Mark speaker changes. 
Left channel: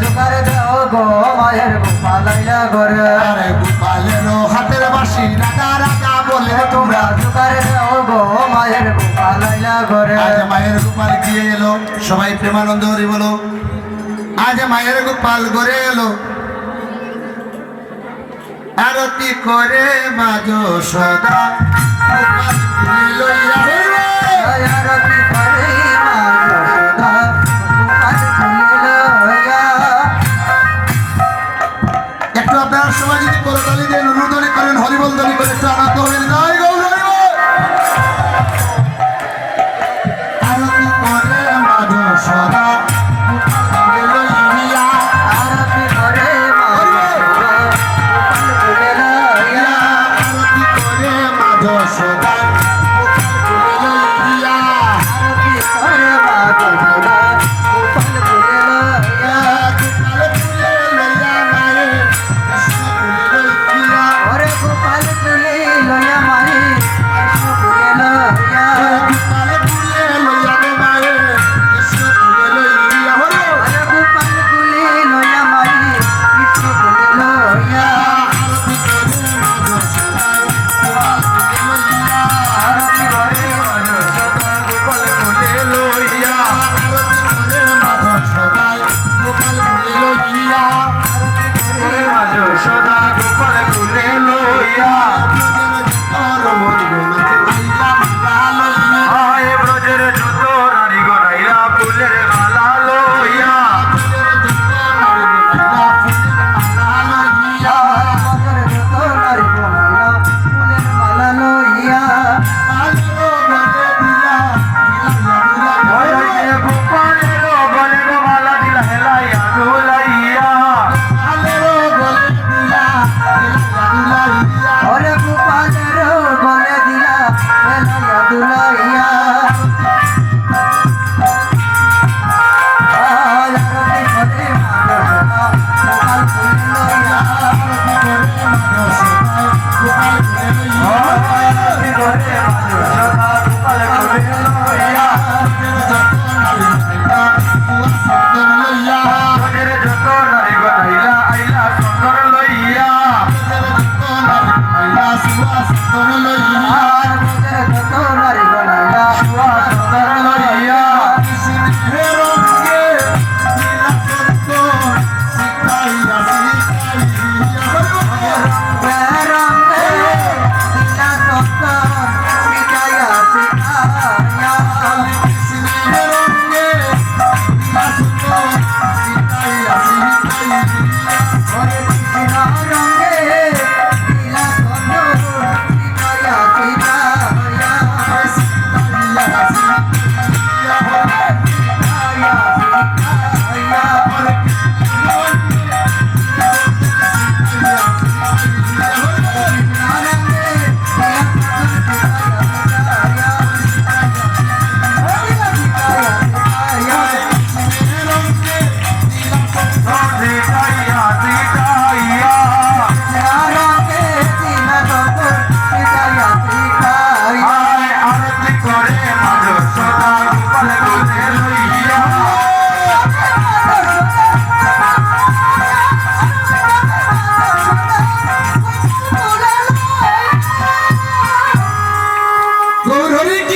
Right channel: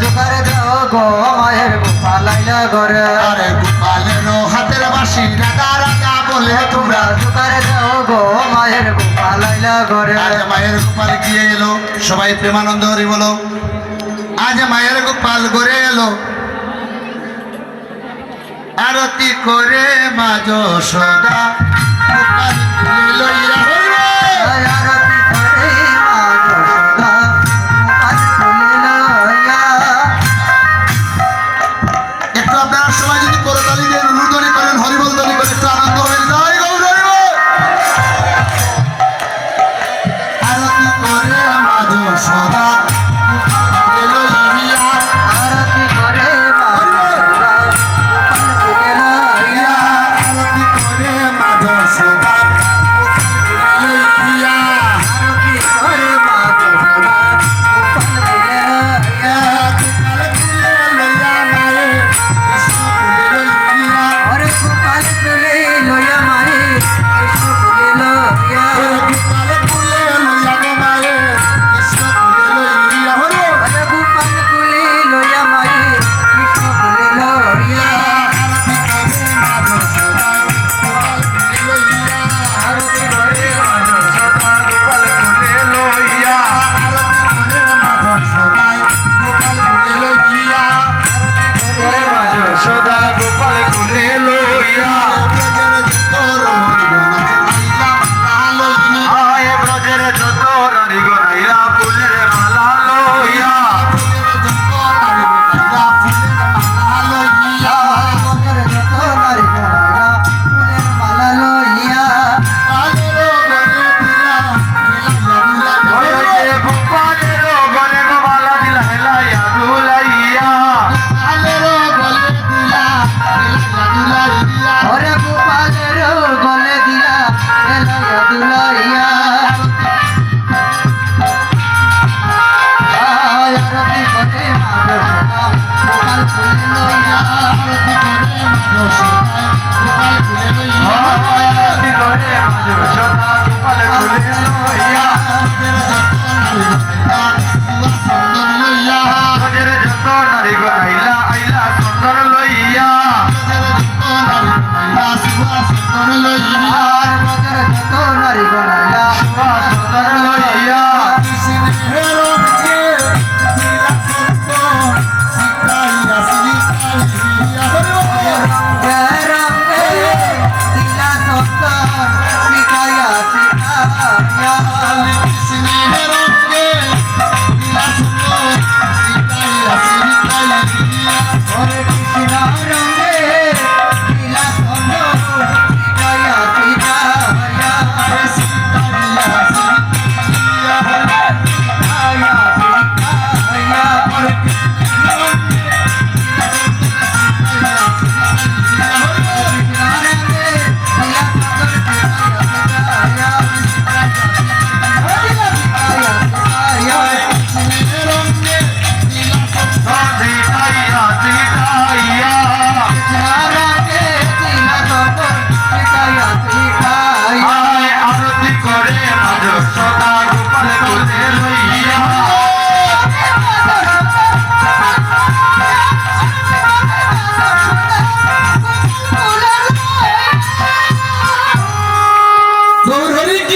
Speaker 1: শিকার দেও গো মায়ের গুফা লাইলা
Speaker 2: আরে গুফা এলো হাতের বাসি রাতা রাতা বলে তোমরা
Speaker 1: শিকার দেও গো মায়ের গুফা লাইলা করে আজ
Speaker 2: মায়ের গোপাল গিয়ে এলো? সবাই প্রেমানন্দ হরি বলো। আজ মায়ের গোপাল গড়ে এলো। আরতি করে মাঝ সদা।
Speaker 1: Hare Krishna, Hare